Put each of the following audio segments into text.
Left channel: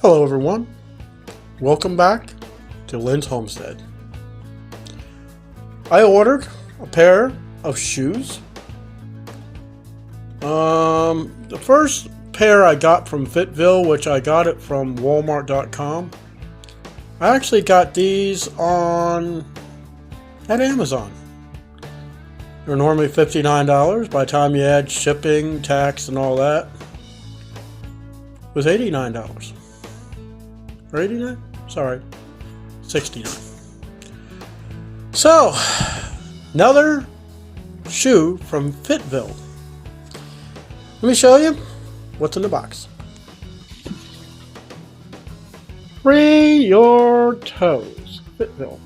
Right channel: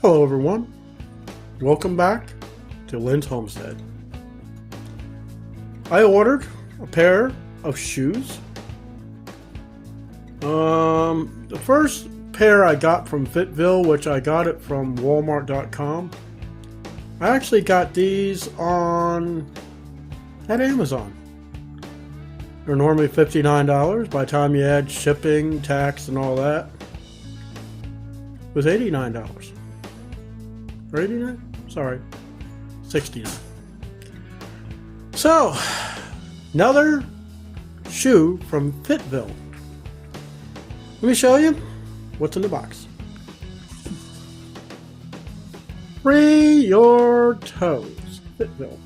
Hello everyone, welcome back to Lynn's Homestead. I ordered a pair of shoes. The first pair I got from Fitville, which I got it from Walmart.com. I actually got these at Amazon. They're normally $59. By the time you add shipping, tax, and all that, it was $89. Or 89? Sorry, 69. So, another shoe from Fitville. Let me show you what's in the box. Free your toes, Fitville.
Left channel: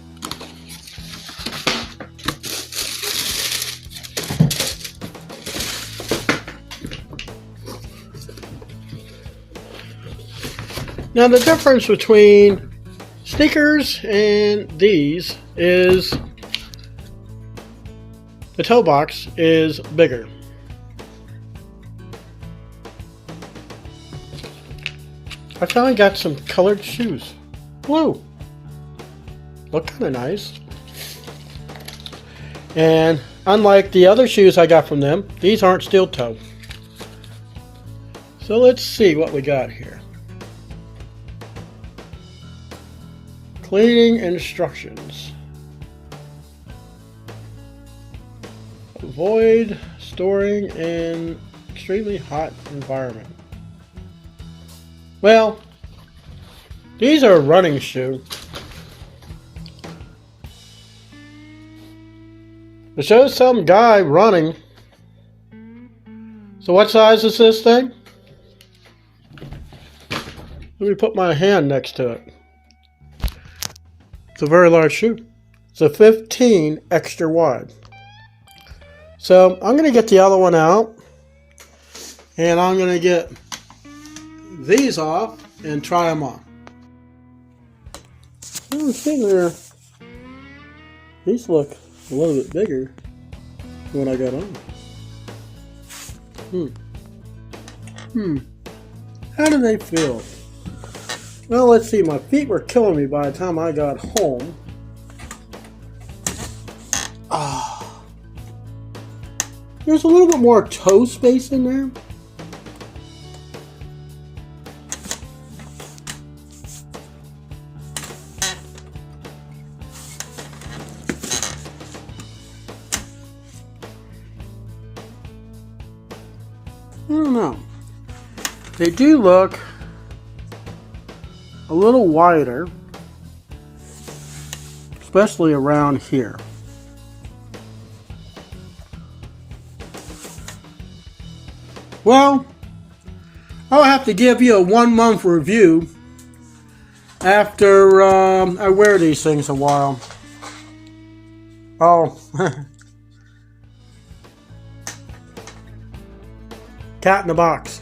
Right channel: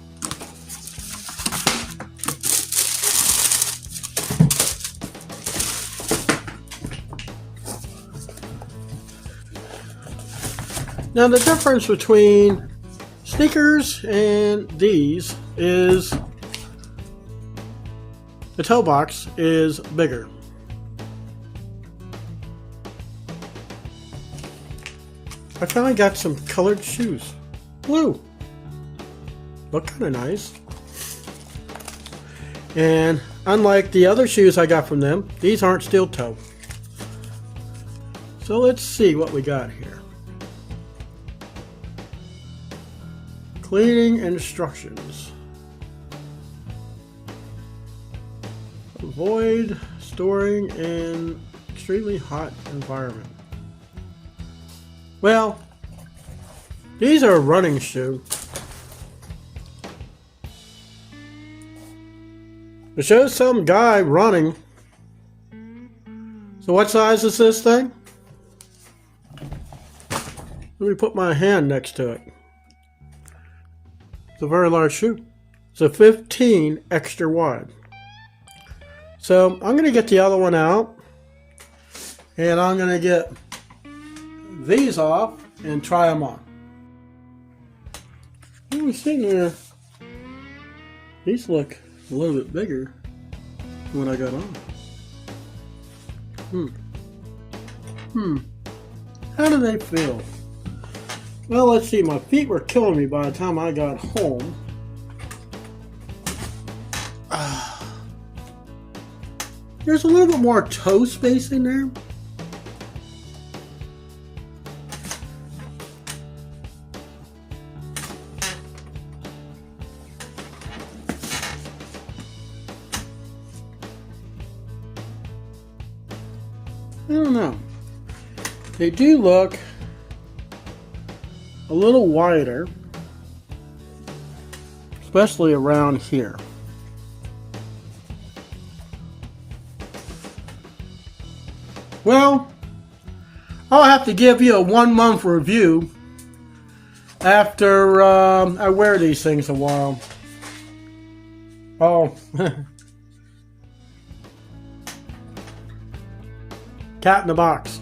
Now the difference between sneakers and these is the toe box is bigger. I finally got some colored shoes. Blue. Look kind of nice. And unlike the other shoes I got from them, these aren't steel toe. So let's see what we got here. Cleaning instructions. Avoid storing in extremely hot environment. Well, these are a running shoe. It shows some guy running. So what size is this thing? Let me put my hand next to it. It's a very large shoe. It's a 15 extra wide. So I'm going to get the other one out. And I'm going to get these off and try them on. I'm sitting there. These look a little bit bigger when I got on. How do they feel? Well, let's see. My feet were killing me by the time I got home. There's a little bit more toe space in there. I don't know. They do look a little wider, especially around here. Well, I'll have to give you a 1-month review after I wear these things a while. Oh. Cat in the box.